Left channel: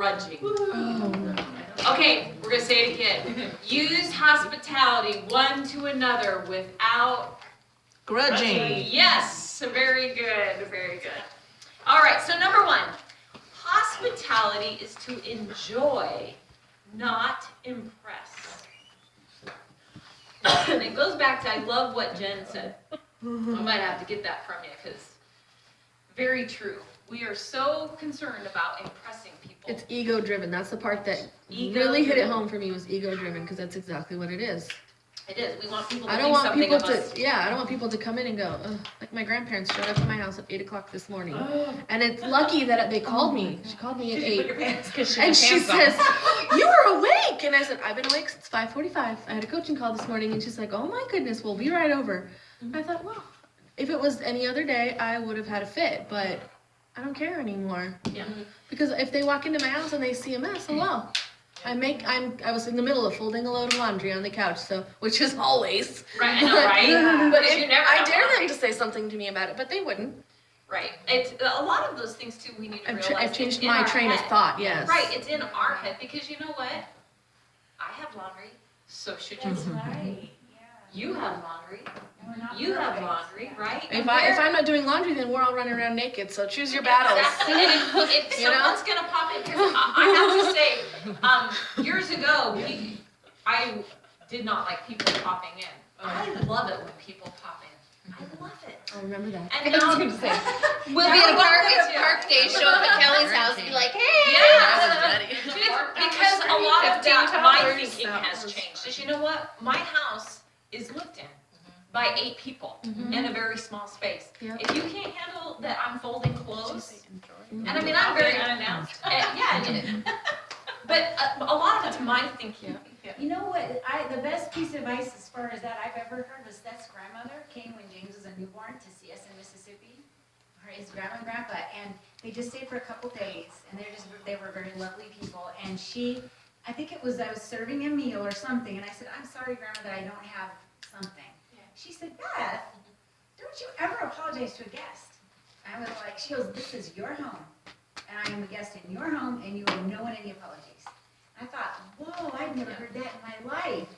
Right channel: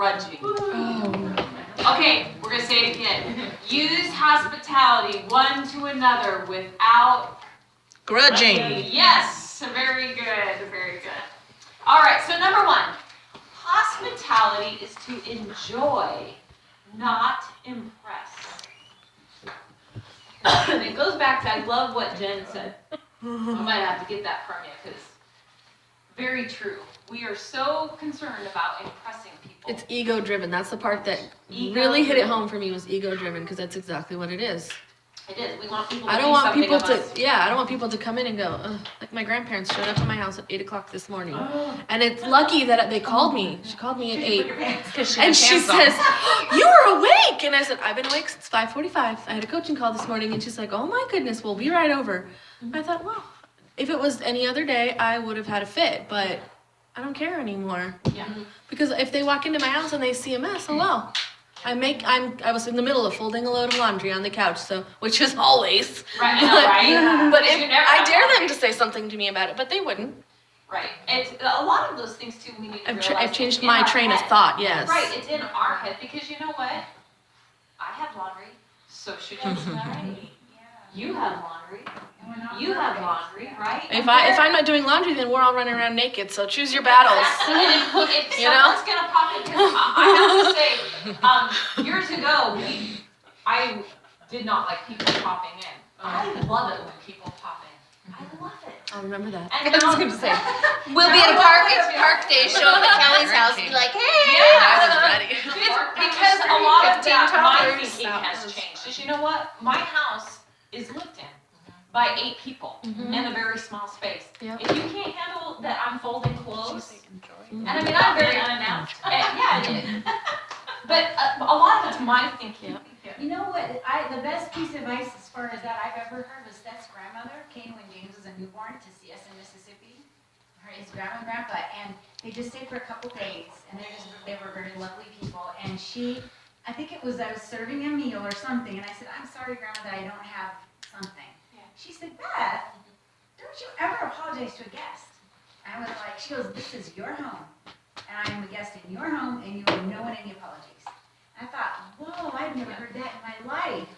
grudging. Okay, we're gonna say it again. Use hospitality one to another without grudging. Yes, very good, very good. All right, so number one, hospitality is to enjoy, not impress. And it goes back to, I love what Jen said. I might have to get that from you, because very true. We are so concerned about impressing people. It's ego driven. That's the part that really hit it home for me, was ego driven, because that's exactly what it is. It is. We want people to I don't think want something people of us. to, yeah, I don't want people to come in and go, ugh. Like my grandparents showed up at my house at 8 o'clock this morning. And it's lucky that they called me. She called me at 8. And she says, you were awake. And I said, I've been awake since 5:45. I had a coaching call this morning. And she's like, oh my goodness, we'll be right over. I thought, well, if it was any other day, I would have had a fit. But I don't care anymore. Yeah. Because if they walk into my house and they see a mess, oh well. I was in the middle of folding a load of laundry on the couch, so, which is always. Right, I know, right? But You never I know, dare them right? to say something to me about it, but they wouldn't. Right. It's a lot of those things too. We need to realize. I've changed it's in my our train of head. thought, yes. Right. It's in our head, because you know what? I have laundry, so should you. Right. You have laundry. You have laundry, right? If I'm not doing laundry, then we're all running around naked, so choose your battles. Exactly. And if You know? someone's gonna pop in, because I have to say, years ago, I did not like people popping in. I love it when people pop in. I love it. I'll remember that. And now, We'll be at a park day show up at Callie's house and be like, hey. Yeah. ready. Because a lot of that, my 15 thinking toddlers. has changed. Did you know what? My house is lived in by 8 people in a very small space. Yep. If you can't handle that I'm folding clothes, and I mean, I'm very unannounced. But a lot of it's my thinking. You know what, the best piece of advice as far as that I've ever heard was Seth's grandmother came when James was a newborn to see us in Mississippi, his grandma and grandpa, and they just stayed for a couple days, and they were very lovely people, and I think I was serving a meal or something, and I said, I'm sorry, Grandma, that I don't have something. She said, Beth, don't you ever apologize to a guest. And I was like, she goes, this is your home, and I am a guest in your home, and you are no one any apologies. I thought, whoa, I've never heard that in my life.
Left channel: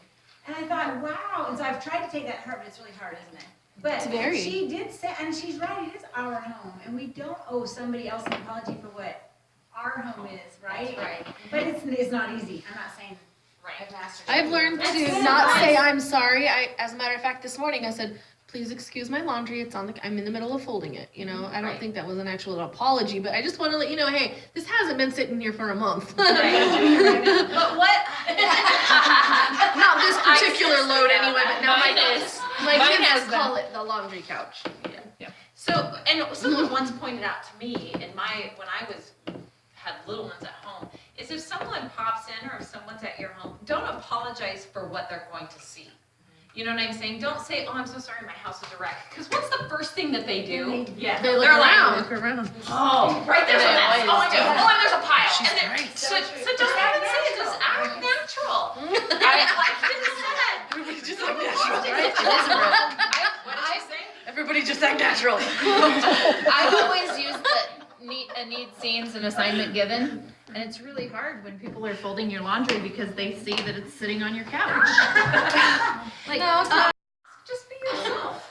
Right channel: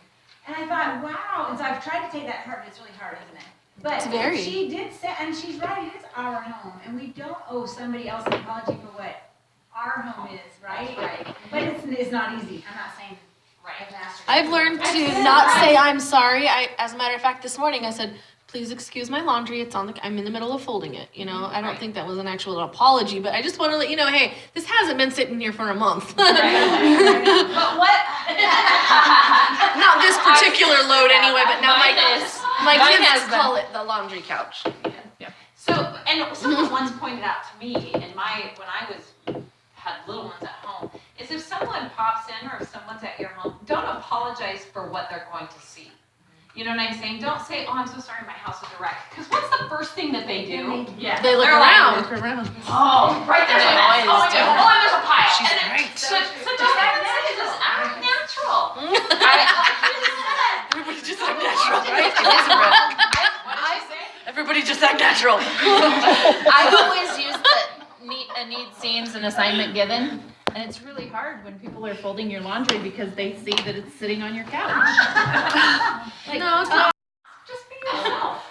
And I thought, wow. And so I've tried to take that to heart, but it's really hard, isn't it? But It's very. she did say, and she's right, it is our home. And we don't owe somebody else an apology for what our home is, right? Right. But it's not easy. I'm not saying Right. I've mastered it. I've learned That's to good not say advice. I'm sorry. As a matter of fact, this morning I said, please excuse my laundry. I'm in the middle of folding it. You know, I don't Right. think that was an actual apology, but I just want to let you know, hey, this hasn't been sitting here for a month. But what? Not this particular I see load that. anyway, but now Mine my is. my Mine kids has call it the laundry couch. So, and someone once pointed out to me when I had little ones at home, is if someone pops in or if someone's at your home, don't apologize for what they're going to see. You know what I'm saying? Don't say, oh, I'm so sorry, my house is a wreck. Because what's the first thing that they do? Yeah. They look They're like, around. oh, right there's a They mess. always Oh, do. and there's a pile. She's and then, right. So just act natural. You just said. Everybody just act natural. Right? It is a wreck. What did you say? Everybody just act natural. I've always used a need scenes and assignment given, and it's really hard when people are folding your laundry because they see that it's sitting on your couch. Like, No, it's not. Just be yourself.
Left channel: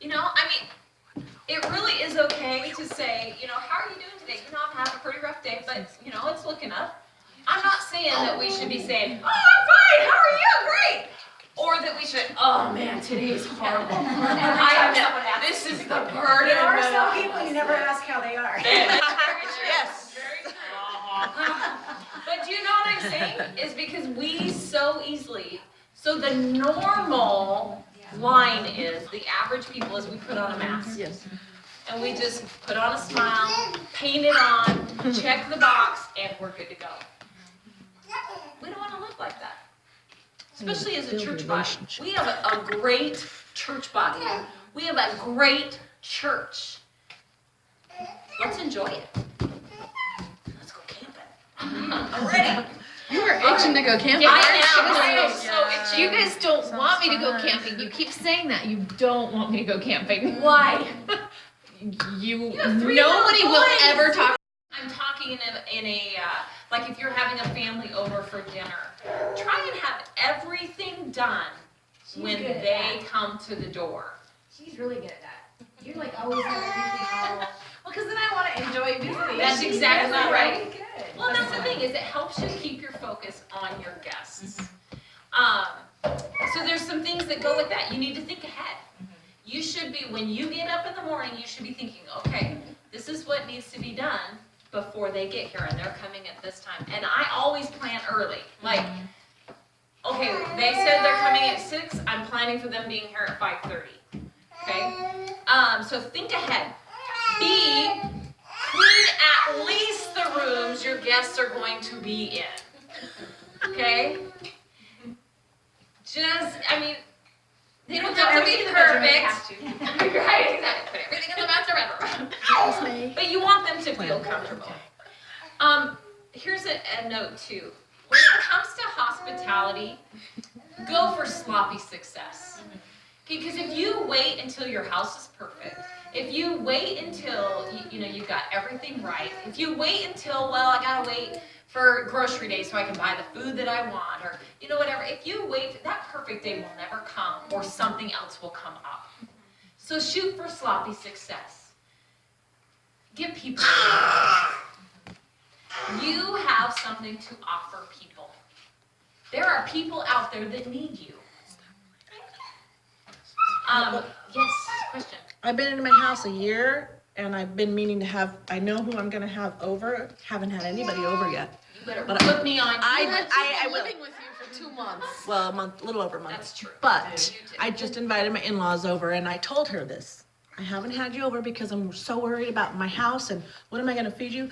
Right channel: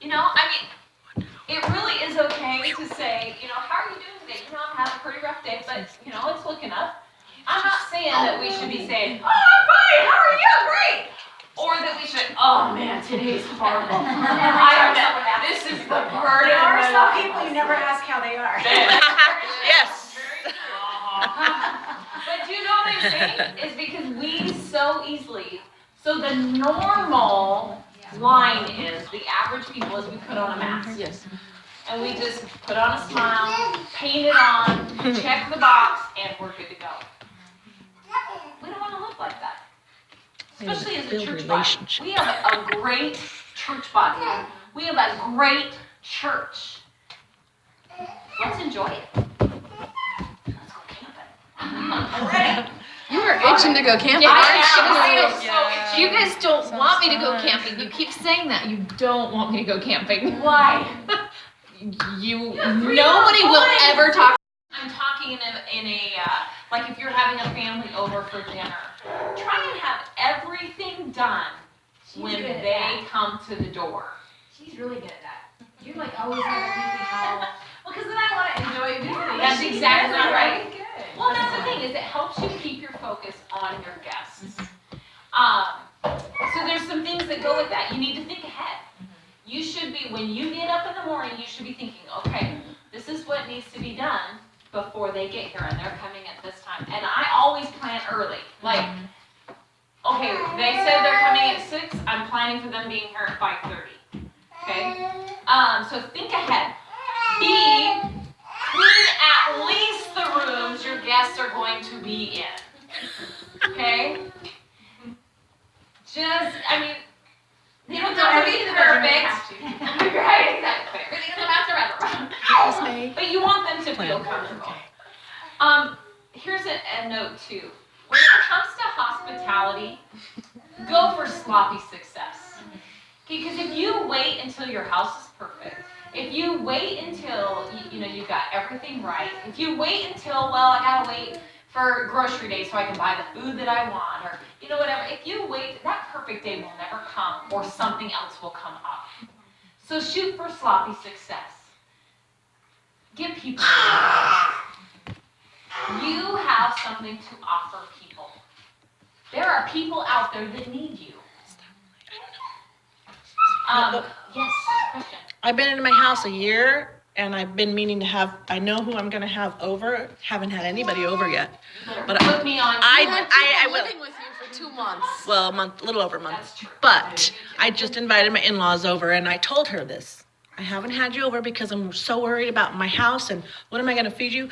You know, I mean, it really is okay to say, you know, how are you doing today? You know, I'm having a pretty rough day, but, you know, it's looking up. I'm not saying that we should be saying, oh, I'm fine, how are you? Great. Or that we should, oh man, today's horrible. This is the burden. There are of some my people you never ask how they are. Yes. But you know what I'm saying? Is because we so easily, so the normal line is, the average people is we put on a mask. Yes. And we just put on a smile, paint it on, check the box, and we're good to go. We don't want to live like that. Especially as a church body. We have a great church body. We have a great church. Let's enjoy it. Let's go camping. I'm ready. You were itching to go camping, I aren't you? am so you itchy. guys don't want me to go camping. You keep saying that. You don't want me to go camping. Why? You have 3 nobody little will boys. ever talk. I'm talking talking in a like if you're having a family over for dinner, try and have everything done She's when good at they that. come to the door. She's really good at that. You're like always have everything all. Well, because then I want to enjoy visiting. That's She's exactly really right. good. Well, that's the thing, is it helps you keep your focus on your guests. So there's some things that go with that. You need to think ahead. You should be, when you get up in the morning, you should be thinking, okay, this is what needs to be done before they get here, and they're coming at this time. And I always plan early. Like, okay, they said they're coming at 6, I'm planning for them being here at 5:30. Okay? So think ahead. B, clean at least the rooms your guests are going to be in. Okay? I mean, they don't have to be perfect. Right, exactly. Put everything in the master bedroom. But you want them to feel comfortable. Here's a note too. When it comes to hospitality, go for sloppy success. Because if you wait until your house is perfect, if you wait until you've got everything right, if you wait until, well, I gotta wait for grocery day so I can buy the food that I want, or whatever, if you wait, that perfect day will never come, or something else will come up. So shoot for sloppy success. Give people you have something to offer people. There are people out there that need you. Yes, question. I've been in my house a year and I've been meaning to have, I know who I'm gonna have over, haven't had anybody over yet. You better But put me on. I will. living with you for 2 months. Well, a month, little over a month. That's true. But I just invited my in-laws over and I told her this. I haven't had you over because I'm so worried about my house and what am I gonna feed you?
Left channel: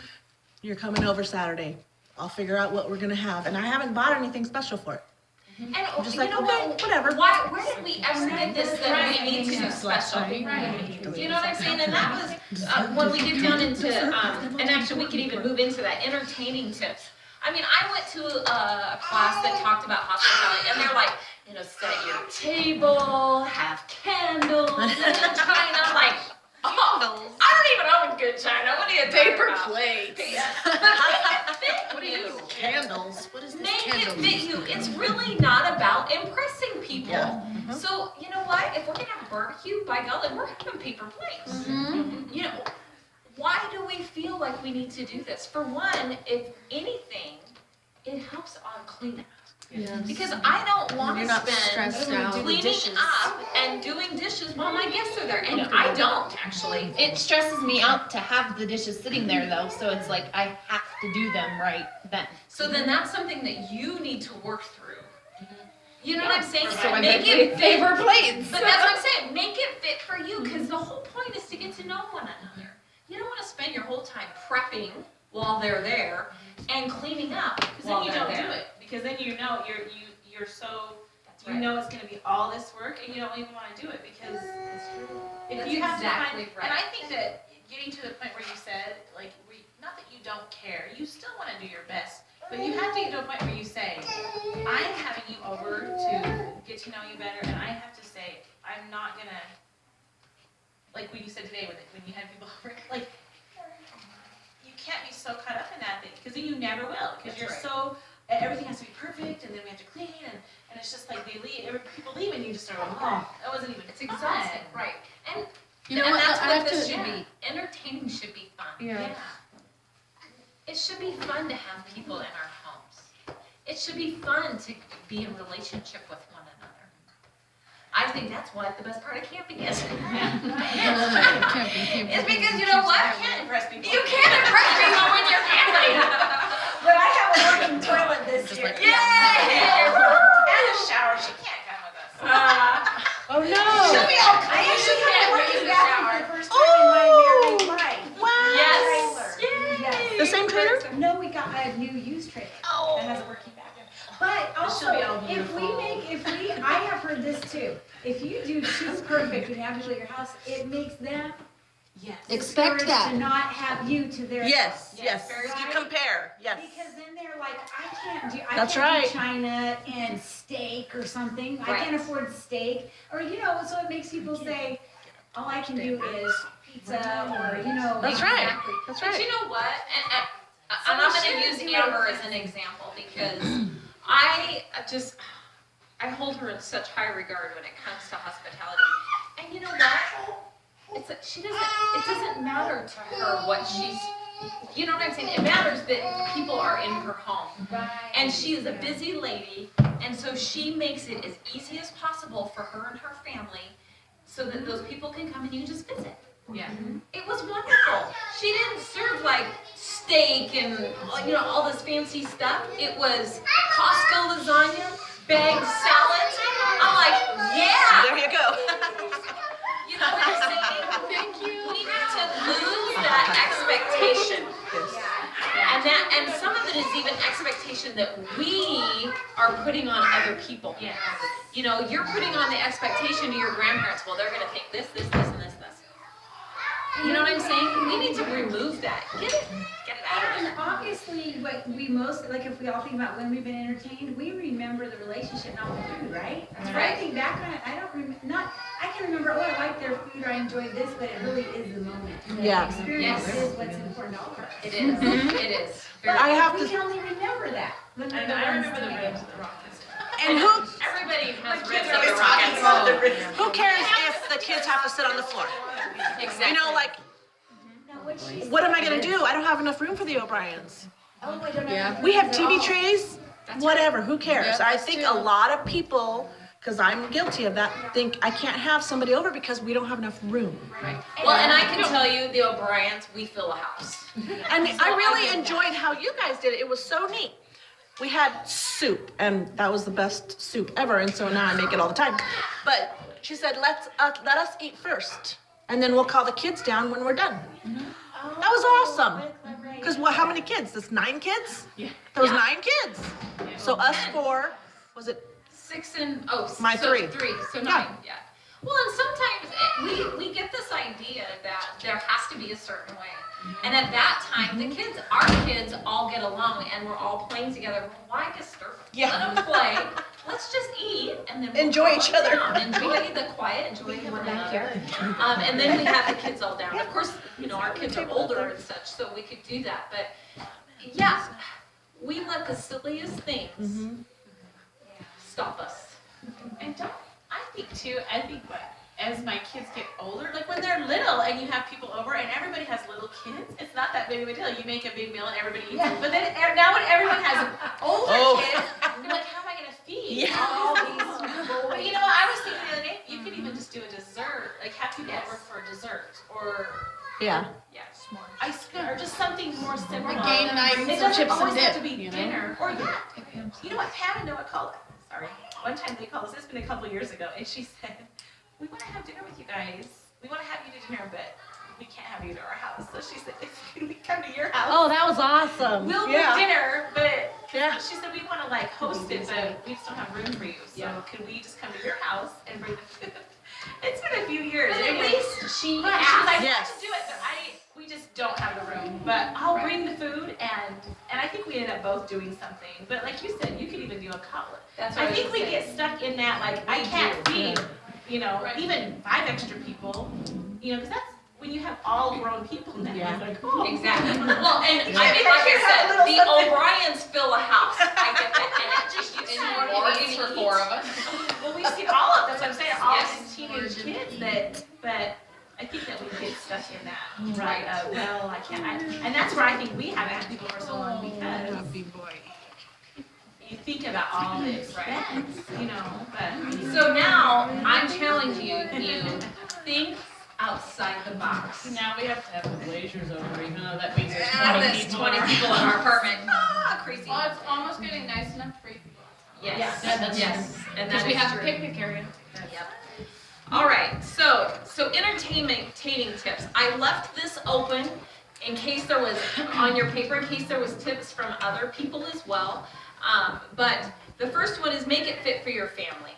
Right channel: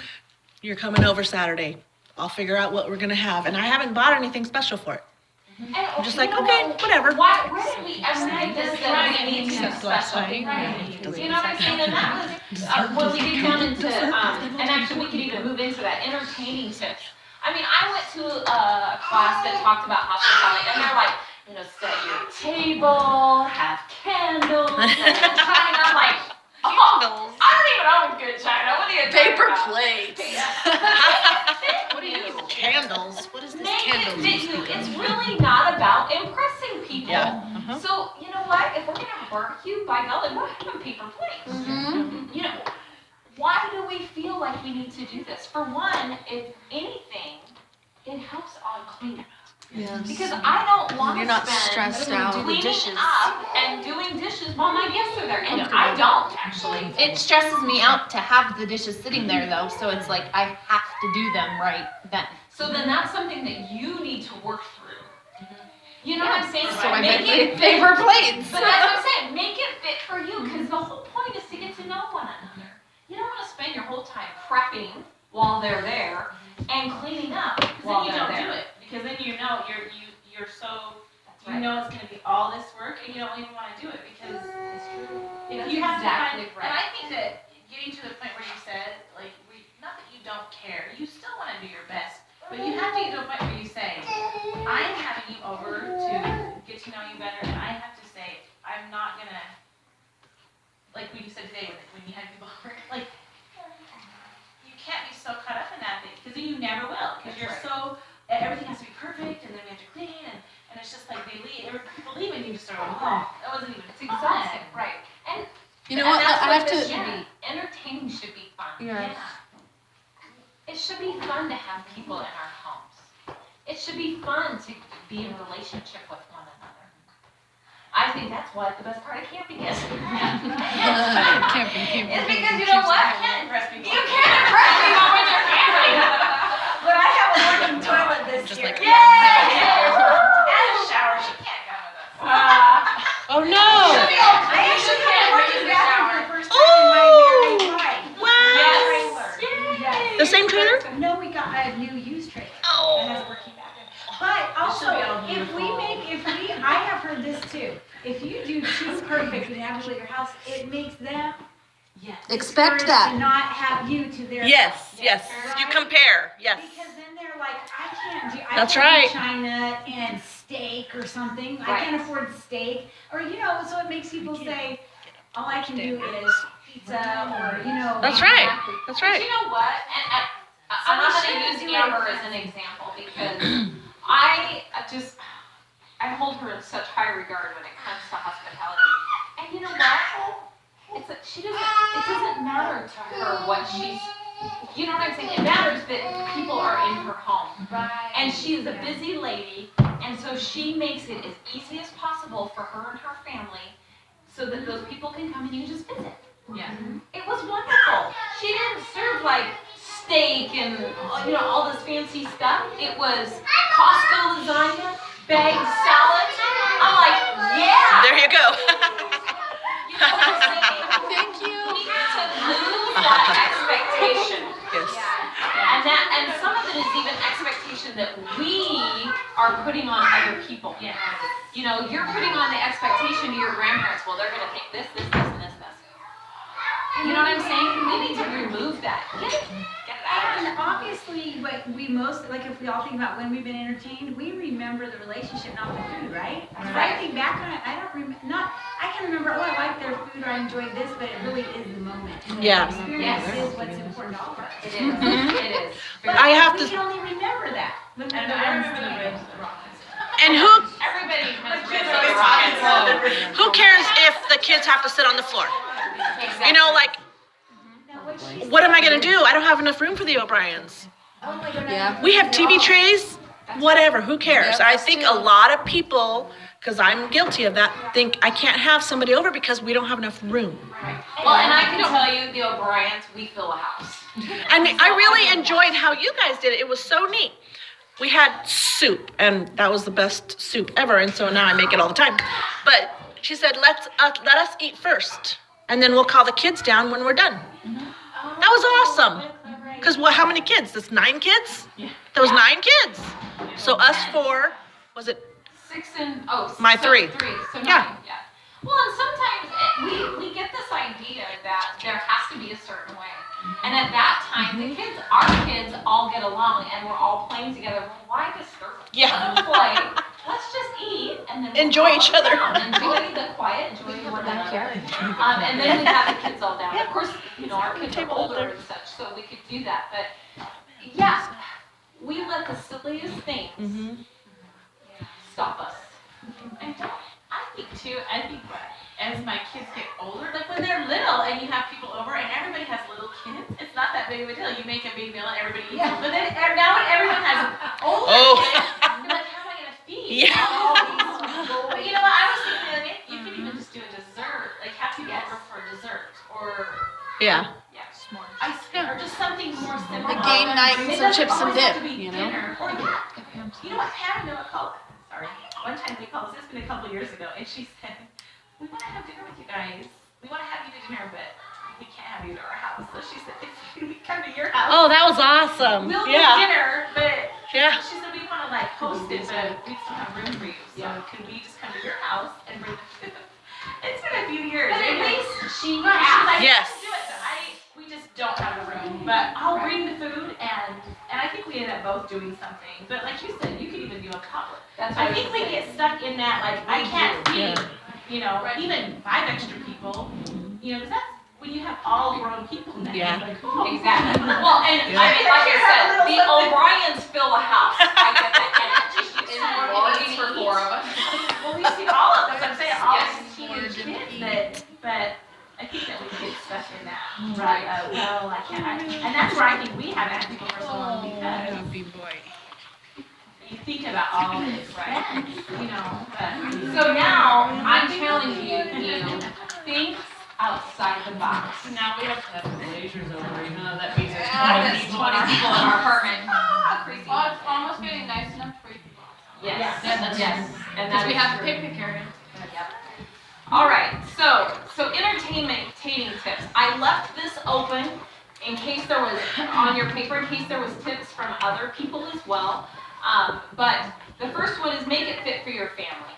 You're coming over Saturday. I'll figure out what we're gonna have. And I haven't bought anything special for it. And, I'm just you like, know okay, what? whatever. Where did we ever get this that we need to be special? Right. You know what I'm saying? And that was, when we get down into, and actually we could even move into that, entertaining tips. I mean, I went to a class that talked about hospitality, and they're like, set your table, have candles, and china, like, oh, I don't even own good china, what are you talking Paper about? plates. What do you? Candles. What is this Make candle? it fit you. It's really not about impressing people. Yeah. So, you know what? If we're gonna have a barbecue, by golly, we're having paper plates. You know, why do we feel like we need to do this? For one, if anything, it helps on cleanup. Yes. Because I don't want You're to not spend stressed out. cleaning up and doing dishes while my guests are there. And I don't, actually. It stresses me out to have the dishes sitting there though, so it's like I have to do them right then. So then that's something that you need to work through. You know what I'm saying? So I Make make it paper plates. But that's what I'm saying. Make it fit for you, because the whole point is to get to know one another. You don't want to spend your whole time prepping while they're there and cleaning up Because while then you they're don't there. do it. Because then you're so, That's you right. know it's gonna be all this work and you don't even wanna do it because That's true. if That's you have exactly to find, right. and I think that getting to the point where you said, like, not that you don't care, you still wanna do your best, but you have to get to a point where you say, I am having you over to get to know you better, and I have to say, I'm not gonna, like what you said today when you had people over, like, you can't be so caught up in that thing, because then you never will, because you're so, everything has to be perfect, and then we have to clean, and it's just like people leave, and you just start like, oh, that wasn't even It's exhausting, fun. right? And You know and what? that's I what have this to. should be. Entertaining should be fun. Yeah. It should be fun to have people in our homes. It should be fun to be in relationship with one another. I think that's what the best part of camping is. It's because you know what? I can't impress people. You can't impress people with your family. But I have a working toilet this Just year. like- Yay! And a shower, she can't come with us. Oh no! I actually had a working bathroom for the first time in my married life. Yes. Yes. The same trailer? No, we got a new used trailer that has a working bathroom. But also, I have heard this too. If you do too perfect and absolutely your house, it makes them Expect discouraged that. to not have you to their. Yes. You Right? compare. Yes. Because then they're like, I That's can't right. do China and steak or something. I Right. can't afford steak. Or, so it makes people say, all I can do is pizza or, That's right. Exactly. That's But right. you know what? And And I'm gonna use Amber as an example because I hold her in such high regard when it comes to hospitality. And you know what? It doesn't matter to her what she's, you know what I'm saying? It matters that people are in her home. Right. And she is a busy lady, and so she makes it as easy as possible for her and her family so that those people can come and you just visit. Yeah. It was wonderful. She didn't serve like steak and all this fancy stuff. It was Costco lasagna, bagged salad. I'm like, yeah. There you go. You know what I'm saying? Thank you. We need to lose that expectation. Yes. And some of it is even expectation that we are putting on other people. Yes. You know, you're putting on the expectation to your grandparents, well, they're gonna think this, this, this, and this, this. You know what I'm saying? We need to remove that. Get it out of And there. obviously, what we most, like if we all think about when we've been entertained, we remember the relationship, not the food, right? So I think back on it, I don't I can remember, oh, I like their food or I enjoyed this, but it really is the moment. And Yeah. The experience Yes. is what's important to all of us. It is, it is. But I have we to- can only remember that. When we're And the I ones remember the doing ribs it. at the Rockets. And who Everybody has ribs always at the Rockets. who cares if the kids have to sit on the floor? Exactly. You know, like, Now, what she what am I said gonna is- do? I don't have enough room for the O'Briens. Oh my God. Yeah. We have TV trays, whatever, who cares? Yep, I us think too. a lot of people, because I'm guilty of that, think I can't have somebody over because we don't have enough room. Well, and I can tell you, the O'Briens, we fill a house. And I really enjoyed how you guys did it. It was so neat. We had soup, and that was the best soup ever, and so now I make it all the time. But she said, let us eat first, and then we'll call the kids down when we're done. That was awesome. Because how many kids? That's 9 kids? Yeah. There was 9 kids. So us 4, was it? 6 and, oh. My so 3. 3, so 9, Yeah. yeah. Well, and sometimes we get this idea that there has to be a certain way. And at that time, our kids all get along and we're all playing together. Well, why disturb them? Yeah. Don't play. Let's just eat and then we'll Enjoy calm each other. down. Enjoy the quiet, enjoy one another. And then we have the kids all down. Of course, our kids are older and such, so we could do that. But yeah, we let the silliest things stop us. And I think as my kids get older, like when they're little and you have people over and everybody has little kids, it's not that big of a deal. You make a big meal and everybody eats it. But then now when everyone has older kids, you're like, how am I gonna feed Yeah. all these people? But you know what? I was thinking the other day, you could even just do a dessert, like have people over for dessert or Yeah. ice cream or just something more simple. A game night It with some doesn't chips and always have dip, to be you know? dinner or you know what? Hannah Noah called. Sorry, one time they called us. It's been a couple years ago, and she said, "We want to have dinner with you guys. We want to have you to dinner, but we can't have you to our house." So she said, "If we come to your house, Oh, that was awesome. we'll do Yeah. dinner, but." Yeah. She said, "We want to like host it, but we still have room for you. So can we just come to your house and bring the food?" It's been a few years. But at Anyway. least she Right, she was like, Yes. "We can do it, but we just don't have the room. But I'll bring the food, and I think we ended up both doing something. But like you said, you could even do a cutlet. That's what I think we saying. get stuck in that, like, I can't feed, Yeah. even 5 extra people, because that's when you have all grown people now. Yeah. It's like, oh. Exactly. Well, and Yeah. I mean, like I said, the O'Briens fill a house. I get that. And it just It's more more easy for to 4 eat. of us. Well, we've seen all of them, I'm saying all Yes. these teenage kids but I think that we get stuck in that, Right. well, I can't, and that's where I think we haven't had people for so long, because you think about all of the expense, but. So now I'm challenging you, think outside the box. Now we have to have glaziers over, even though that means there's There's 20 people in our apartment. Ah, crazy. Well, it's almost getting nice enough for you. Yes. Yeah, that's Yes. And Because that we is have the true. picnic area. Yep. All right, so entertainment tips. I left this open in case there was, on your paper, in case there was tips from other people as well. But the first one is make it fit for your family.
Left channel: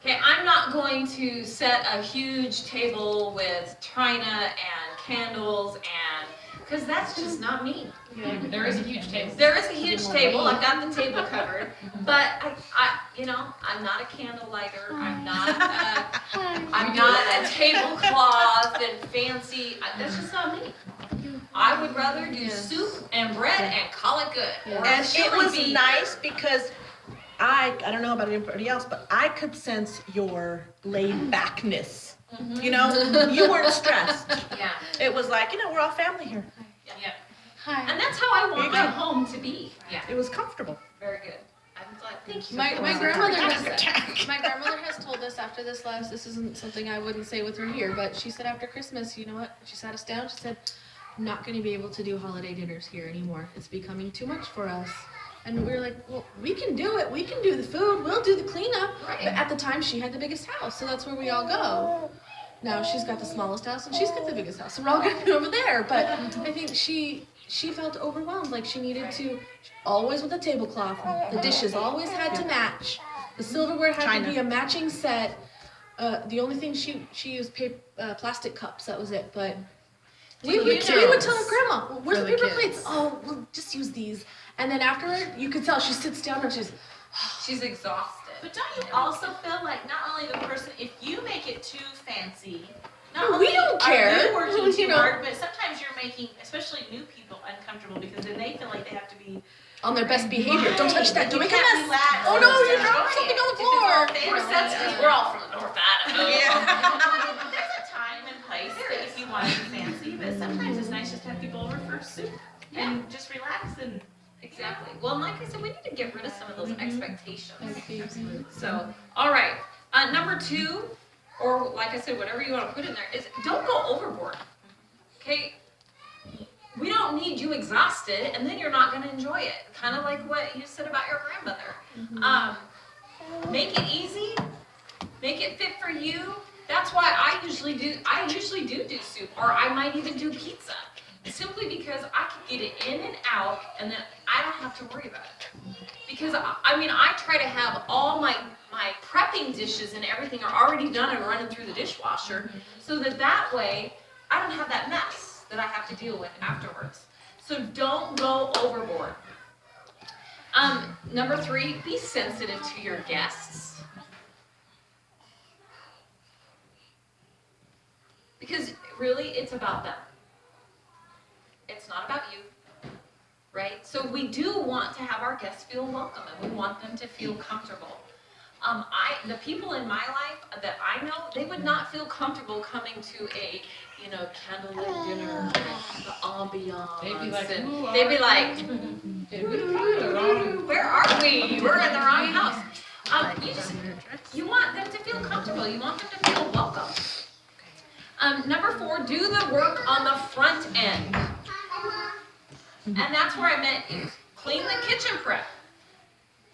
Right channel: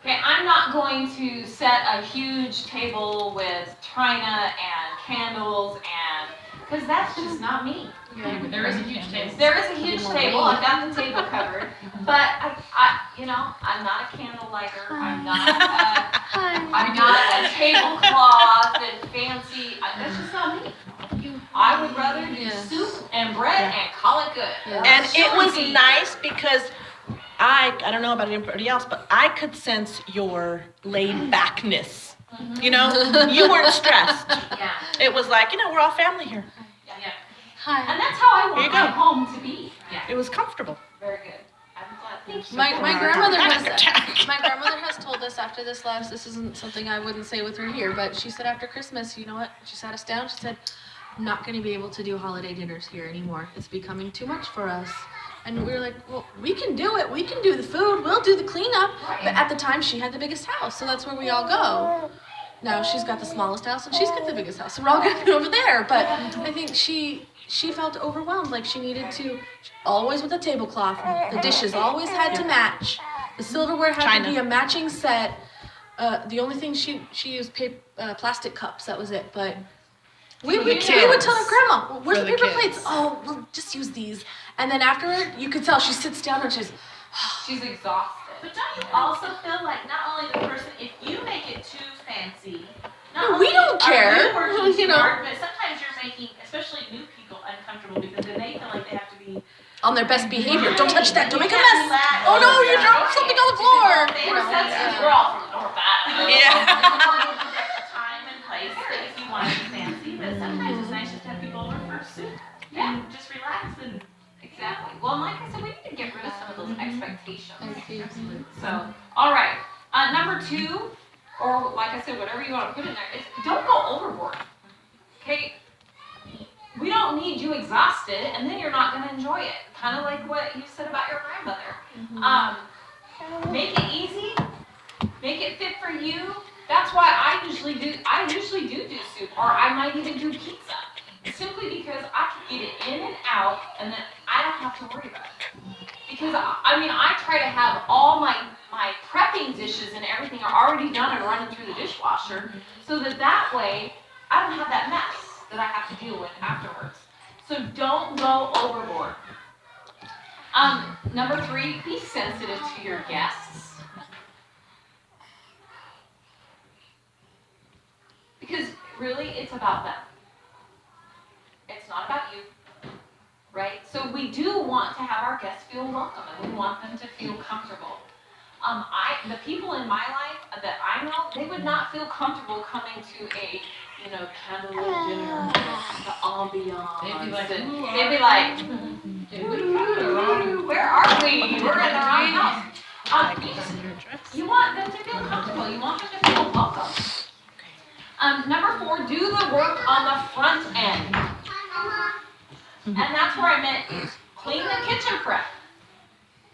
Okay, I'm not going to set a huge table with china and candles and, because that's just not me. There is a huge case. There is a huge table, I've got the table covered, but I'm not a candle lighter, I'm not a tablecloth and fancy, that's just not me. I would rather do Yeah. soup and bread and call it good. Yeah. Or And it chili was beans. nice because I don't know about anybody else, but I could sense your laid backness. You know, you weren't stressed. Yeah. It was like, we're all family here. Yeah. Hi. And that's how I There want you my go. home to be. Yeah. It was comfortable. Very good. I'm glad. Thank you. My grandmother Panic attack. my grandmother has told us after this last, this isn't something I wouldn't say with her here, but she said after Christmas, you know what? She sat us down, she said, I'm not gonna be able to do holiday dinners here anymore. It's becoming too much for us. And we were like, well, we can do it. We can do the food. We'll do the cleanup. Right. But at the time, she had the biggest house, so that's where we all go. Now she's got the smallest house and she's got the biggest house, so we're all gonna be over there. But I think she felt overwhelmed, like she needed to, always with a tablecloth. The dishes always had to match. The silverware had China. to be a matching set. The only thing she used plastic cups. That was it. But we would tell her grandma, well, "Where's For the the paper kids. plates? Oh, we'll just use these." And then afterward, you could tell she sits down and she's. She's exhausted. But don't you also feel like not only the person, if you make it too fancy, not No, only we don't care. are you working You too know. hard, but sometimes you're making, especially new people, uncomfortable because then they feel like they have to be. On their best behavior. Don't touch that. Don't make a You can't mess. relax. Oh no, you Yeah. dropped something on the floor. You We're know, sensitive. yeah. We're all from the North Idaho. Yeah. There's a time and place that if you want to be fancy, but sometimes it's nice just to have people over for soup and just relax and. Exactly. Well, and like I said, we need to get rid of some of those expectations. Expectations. So, all right. Number 2, or like I said, whatever you want to put in there, is don't go overboard. Okay? We don't need you exhausted, and then you're not going to enjoy it. Kind of like what you said about your grandmother. Make it easy. Make it fit for you. That's why I usually do soup, or I might even do pizza. Simply because I can get it in and out, and then I don't have to worry about it. Because I try to have all my prepping dishes and everything are already done and running through the dishwasher, so that way I don't have that mess that I have to deal with afterwards. So don't go overboard. Number 3, be sensitive to your guests. Because really, it's about them. It's not about you, right? So we do want to have our guests feel welcome, and we want them to feel comfortable. The people in my life that I know, they would not feel comfortable coming to a, candlelit dinner, the ambiance. They'd be like, did we come to the wrong? Where are we? We're in the wrong house. You want them to feel comfortable. You want them to feel welcome. Number 4, do the work on the front end. And that's where I meant clean the kitchen prep.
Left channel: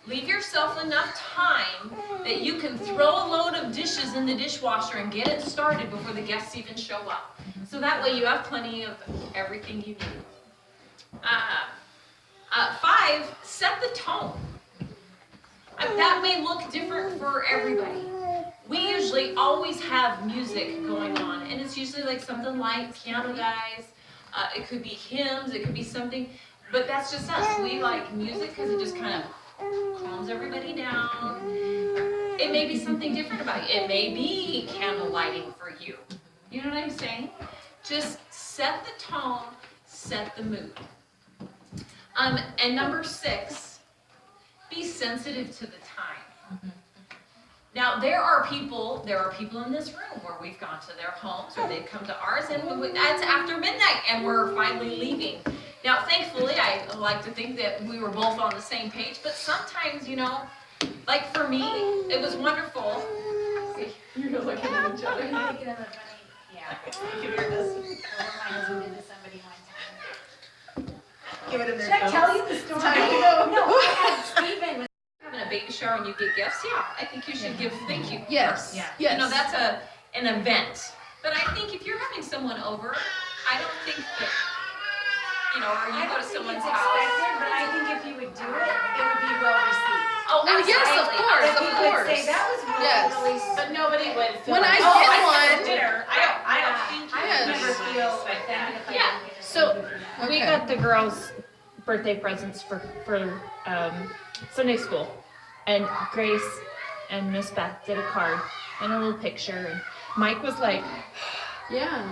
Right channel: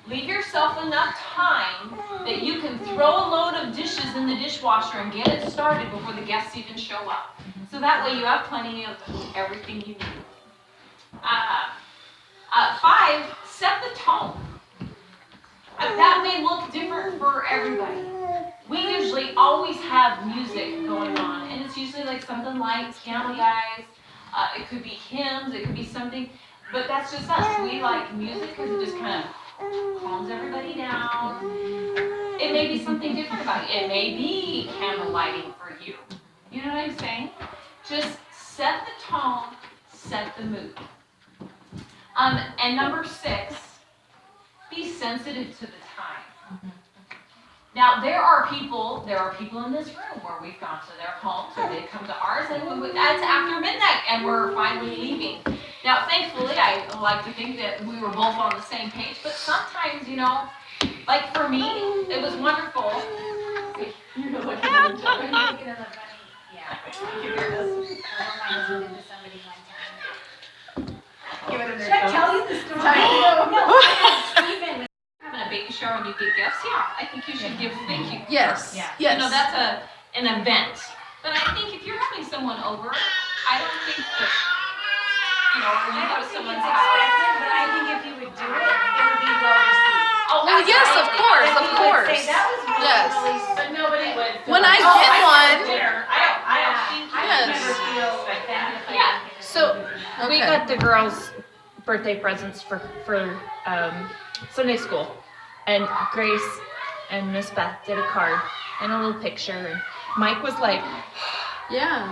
Leave yourself enough time that you can throw a load of dishes in the dishwasher and get it started before the guests even show up. So that way you have plenty of everything you need. 5, set the tone. That may look different for everybody. We usually always have music going on, and it's usually like something like Piano Guys. It could be hymns, it could be something, but that's just us. We like music because it just kind of calms everybody down. It may be something different about you. It may be candle lighting for you. You know what I'm saying? Just set the tone, set the mood. And number 6, be sensitive to the time. Now, there are people in this room where we've gone to their homes or they've come to ours, and it's after midnight and we're finally leaving. Now, thankfully, I like to think that we were both on the same page, but sometimes, like for me, it was wonderful. You're looking at each other. I'm thinking of a funny, yeah. My husband did to somebody one time. Should I tell you the story? No, I had Stephen Having a baby shower and you get gifts, yeah, I think you should give thank you. Yes. Yeah. Yes. That's an event. But I think if you're having someone over, I don't think that, or I you go don't to think someone's it's house. expected, but I think if you would do it, it would be well received. Oh, Well, yes, of absolutely. course, If of you would course. say, that was really, Yes. really But nobody would. feel When I like, get I one- want dinner. I don't think I you would Yes. never feel offended if I Yeah. didn't get it. So, we Okay. got the girls birthday presents for Sunday school, and Grace and Miss Beth did a card and a little picture, and Mike was like, Yeah.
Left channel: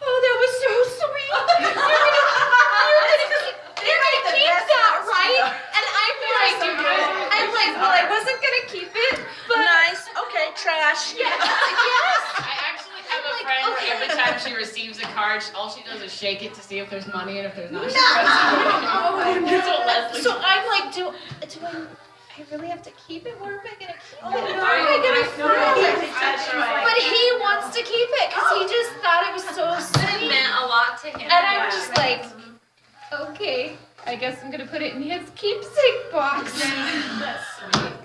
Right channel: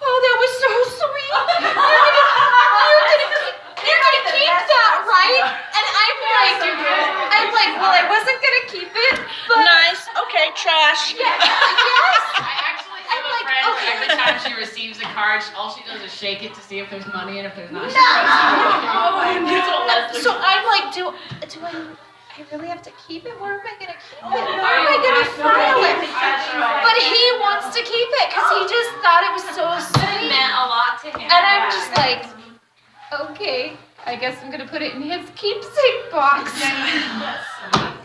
"Oh, that was so sweet." card, all she does is shake it to see if there's money, and if there's not, she That's what Leslie So I'm like, do I really have to keep it? Where am I gonna keep it? How am I gonna file it? But he wants to keep it because he just thought it was so sweet. meant a lot to him. And I'm just like, okay, I guess I'm gonna put it in his keepsake box.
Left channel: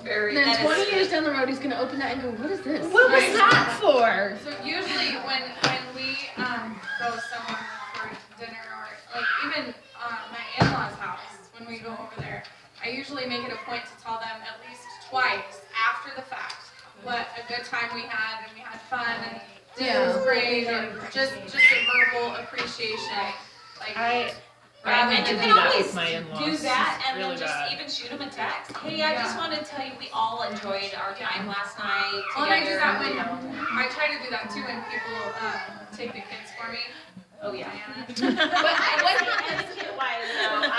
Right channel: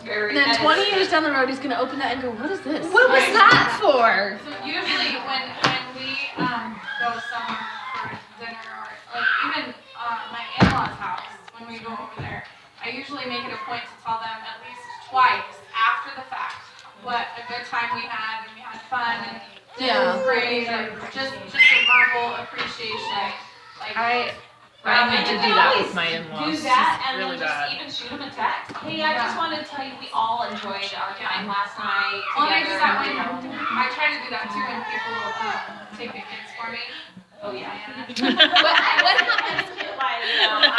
And then 20 years down the road, he's gonna open that and go, what is this? What was that for? So usually when we go somewhere for dinner or like even my in-laws' house, when we go over there, I usually make it a point to tell them at least twice after the fact what a good time we had and we had fun and dinner was great or just a verbal appreciation. Like I need to do that with my in-laws. Do that and Really then just bad. even shoot them a text. Hey, I just wanted to tell you we all enjoyed our time last night Well, and I do that together. when I try to do that too when people take the kids for me. Oh yeah. What happened? Like,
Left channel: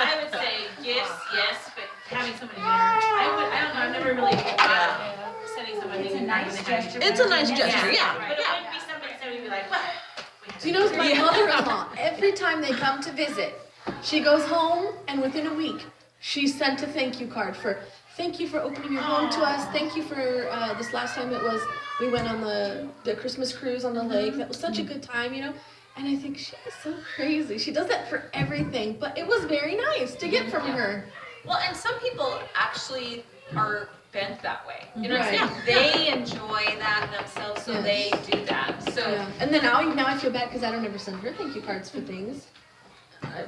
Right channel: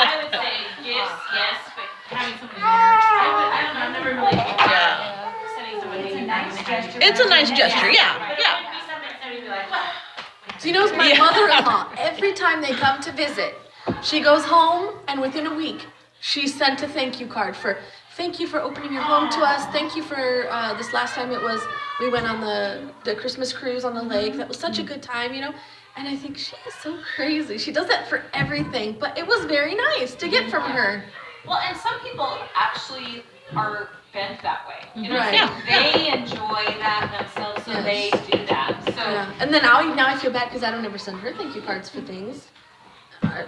I would say gifts, yes, but having somebody there, I don't know, I've never really sending somebody. It's a nice gesture. It's a nice gesture, yeah, But it yeah. wouldn't be something somebody would be like, well. So you know, my mother-in-law, every time they come to visit, she goes home and within a week, she sent a thank you card for, thank you for opening your home to us. Thank you for this last time we went on the Christmas cruise on the lake. That was such a good time, you know. And I think she is so crazy. She does that for everything, but it was very nice to get from her. Well, and some people actually are bent that way. You know what I'm Right. saying? They enjoy that themselves, so they do that. So, Yeah. And then now I feel bad because I don't ever send her thank you cards for things.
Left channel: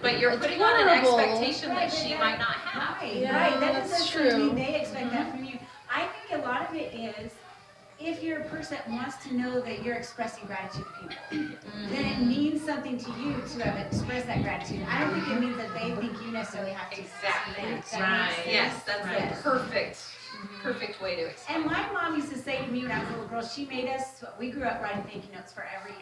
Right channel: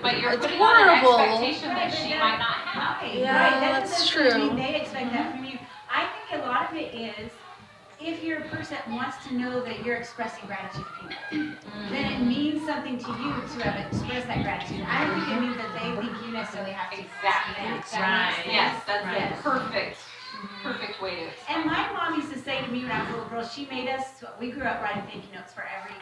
but you're It's putting on an horrible. expectation that she might not have. Right, Yeah, right, that that's doesn't mean true. they expect that from you. I think a lot of it is, if you're a person that wants to know that you're expressing gratitude to people, then it means something to you to have expressed that gratitude. I don't think it means that they think you necessarily have to. Exactly. That makes sense? Yes, that's Yes. the perfect way to explain. And my mom used to say to me when I was a little girl, she made us, we grew up writing thank you notes for every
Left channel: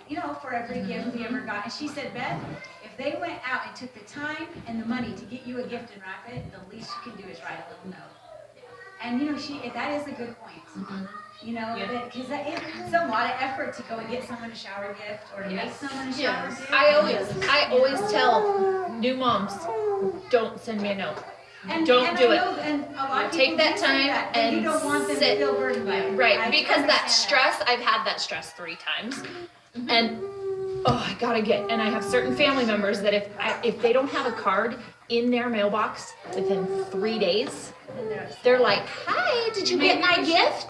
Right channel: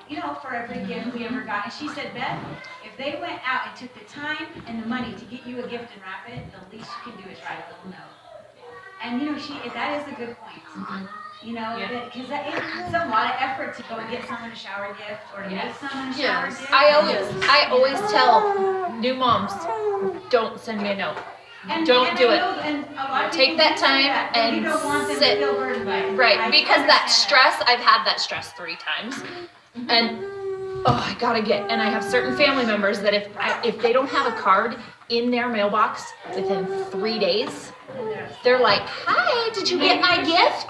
gift we ever got. And she said, Beth, if they went out and took the time and the money to get you a gift and wrap it, the least you can do is write a little note. And that is a good point. You know, because it's a lot of effort to go and get someone a shower gift or to make someone a shower Yes. gift. I always tell new moms, don't send me a note. Don't do it. And a lot of Take people that do say time that, and you and don't want them sit. to feel burdened by it. Right, I because that understand stress, I've had that stress 3 times. And I gotta get, and I have certain family members that if they don't have a card in their mailbox within 3 days, they're like, hi, did you get my gift?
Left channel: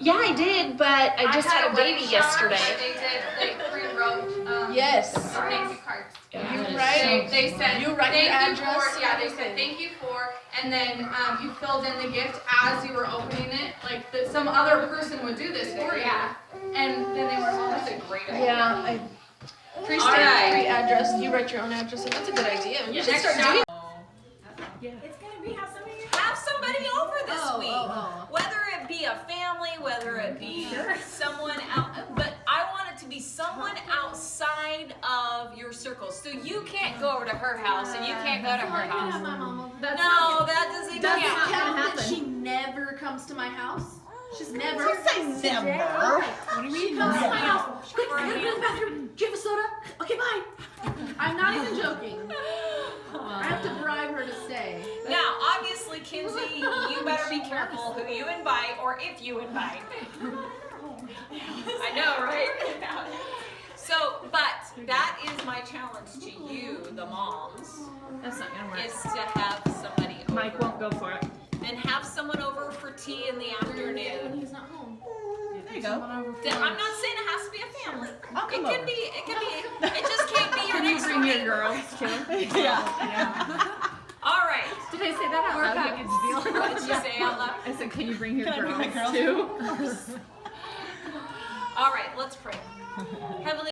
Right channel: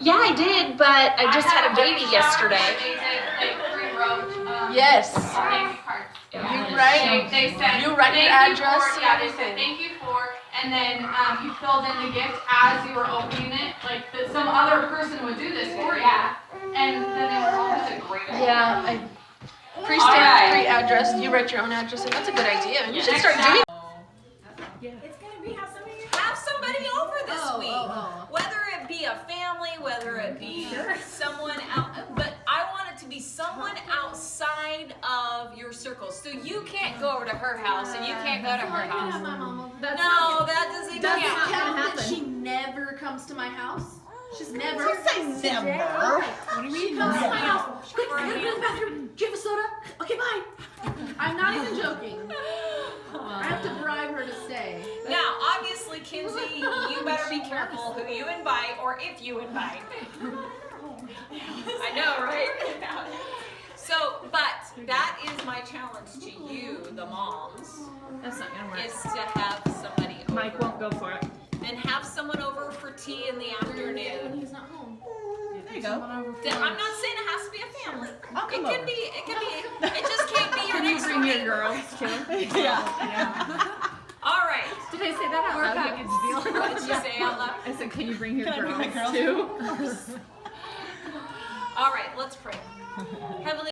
Yeah, I did, but I just had a baby yesterday. They rewrote Yes. thank you cards. You write. They said, You write your thank you address for, and yeah, they everything. said, thank you for, and then, you filled in the gift as you were opening it, like, that some other person would do this for you. And then they were all, that's a great idea. Yeah. Pre-stamped, pre-addressed. You write your own address, and that's a good idea. You should start doing. It's gonna be Have somebody over this week. Whether it be a family, whether it be someone out, but I want it to be someone outside of your circle. So you can't go over to her house and you can't go to her house. No, that doesn't Does it count. count that she never comes to my house? She's never. Never. What do you mean? She comes to my house. Quick, I'm gonna go to the bathroom. Do you have a soda? Okay, bye. I'm not even joking. I have to bribe her to stay. Now, obviously, Kinsey, you better be careful who you invite or if you invite. I know, right? So, but that is my challenge to you, the moms, That's not gonna work. is to have somebody over. Mike won't go for it. And have someone over for tea in the afternoon. He's not home. There you go. I'm not saying it has to be a family. I'll come It over. it just can't be your next door neighbor. girls too? Yeah. All right. Did I say that out loud? Like it's deal? What did you say out loud? I said, can you bring your Can I bring my girls girls? too? All right, let's pray. Heavenly